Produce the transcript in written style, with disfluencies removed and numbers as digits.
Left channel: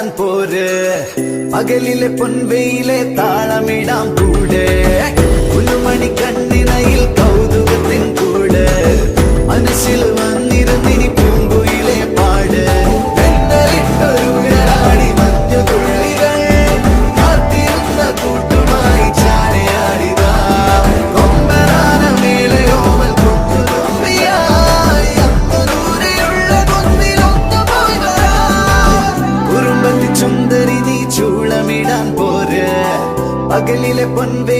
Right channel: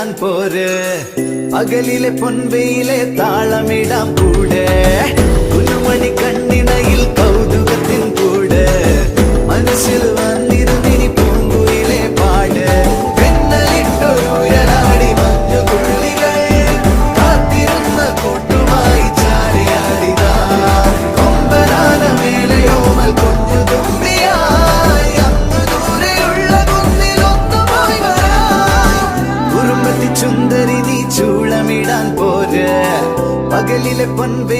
ചൂളമിടാൻ പോര് പകലിലെ പൊൻവെയിലെ താളമിടാൻ കൂടെ പുതുമണി കണ്ണിറയിൽ കൗതുകത്തിൻ കൂട് മനസ്സിൽ വന്നിരുന്നിനി പൂങ്കുയിലെ പാട് പെണ്ണലിട്ടൊരുരാടി മഞ്ഞുകുള്ളികൾ കാത്തിരുന്ന കൂട്ടുമായി ചാരിയാടിതാ കൊമ്പനാന മേളയോമൽ കുഞ്ഞുതുമ്പിയായി അങ്ങ് ദൂരെയുള്ള കുന്നിലൊന്നുമായി വരാം കുറുമ്പത്തി ചുന്ദരി നീ ചൂളമിടാൻ പോര് പകലിലെ പൊൻവെ